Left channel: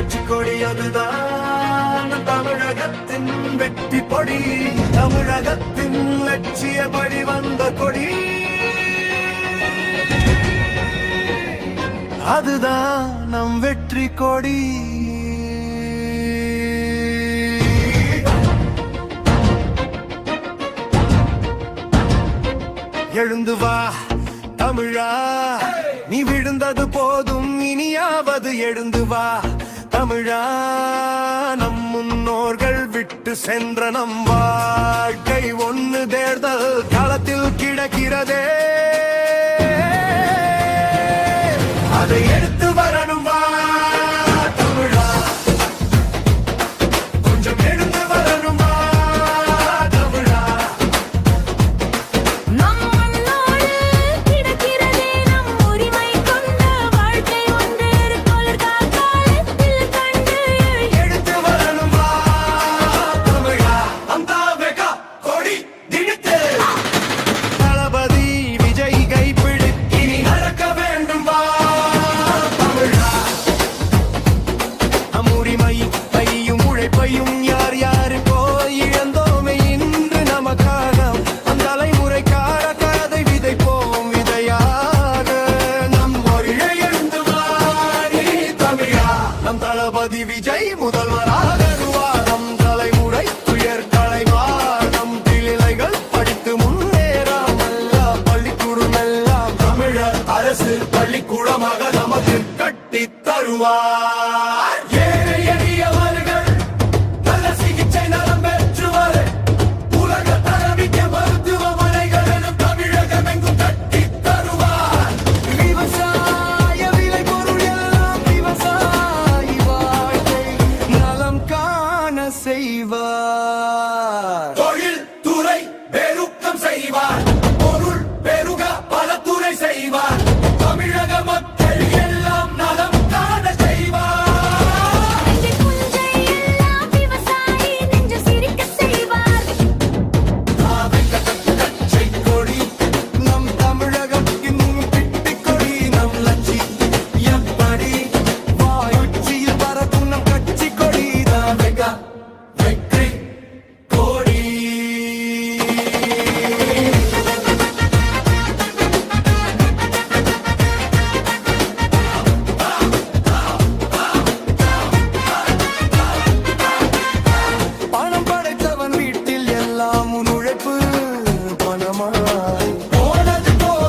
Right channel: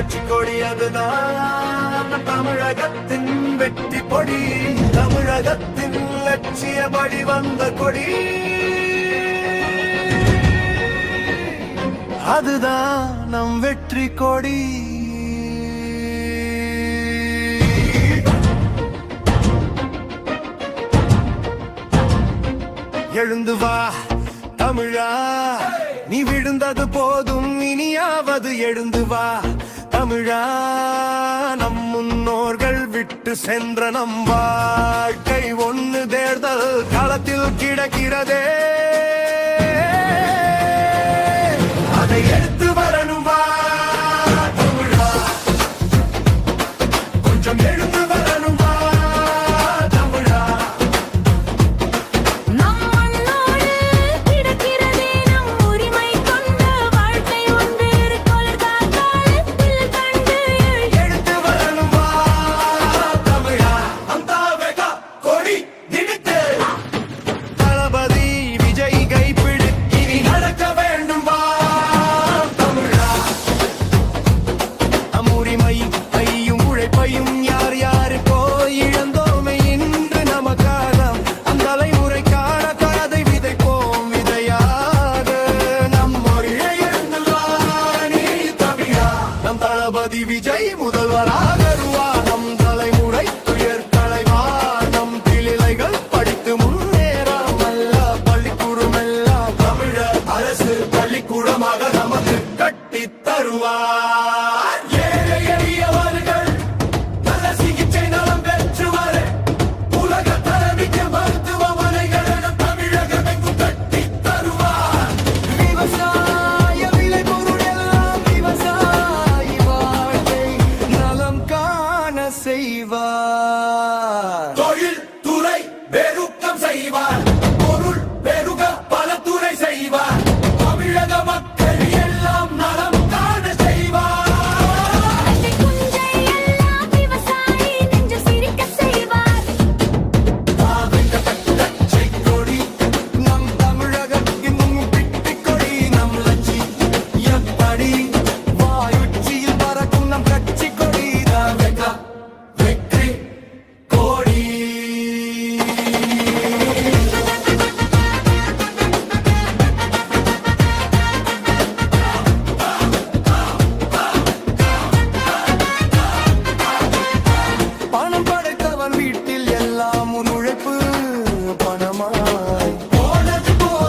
கட்சி கொடி அதுதான் நம் தமிழகத்தின் வெற்றி பொடி, தமிழகத்தின் லட்சியபடி வந்த கொடி அதுதான் நம் வெற்றி கொடி. எழுந்து வா தமிழா, நீ விழுந்தது போதும் இனியாவது எழுந்து வா தமிழா. நம் முன்னோர்கள் விட்டு சென்ற நம் வாழ்க்கை ஒன்னு தேர்தல் களத்தில் கிடக்கிறதே, அதை எடுத்து வரணும் வா தமிழா, கொஞ்சம் எழுந்து வரணும் வா தமிழா. நம் மண்ணோடு கிடக்கிறதே நம் உரிமை கொண்ட வாழ்க்கை ஒன்று, காலத்தில் கண்டு எடுத்து வரணும் வா தமிழா. அந்த வெகா கொடி திணித்து தளபதி விஜய் கைப்பிடி இனி நடக்க வேண்டும் வா தமிழா. உரிமை பையும் உழைப்பையும் யார் யாருக்கோ இழந்தோமே இன்று நமக்காக, அந்த தலைமுறைக்கான கதை விதைப்போம் விதையாக. நம் மொழியை எழுந்து வா நீ தமிழா, நம் தளபதி விஜய் முதல்வராக வருவார். நம் தலைமுறை துயர் களைவார், நம் திளைகள் படித்து முன்னேறாமல்ல பள்ளிக்கூடம் எல்லாம் தமிழர் அரசு பள்ளிக்கூடமாக நமக்கு கட்டி தருவார். ஏழை எளியவர்கள் நல்ல சிகிச்சை நலம் பெற்றுவர், உலக தரமிக்க மருத்துவமனைகள் நம் தமிழகம் எங்கும் கட்டி தருவார். விவசாய விலை பொருள் எல்லாம் விவசாயி வாழ்க்கை நலம் காண செய்வார். தொழில் துறை பெருக்கம் செய்வார், பொருள் பெருக பல துறை செய்வார், தமிழக மக்கள் எல்லாம் நலம் காண செய்வார். நெஞ்சை குஞ்சை எல்லாம் விவசாயி நெஞ்சு சிரிக்க செய்வார். கட்சி கொடி நம் தமிழகத்தின் பிட்டி கொடி, நம் லட்சி எப்படி வாயுச்சியில் பறக்கும் நம் கட்சி கொடி வெற்றி கொடி. பணம் படைத்தவன் வீட்டில் எல்லாம் உன் உழைப்பு பணமாய்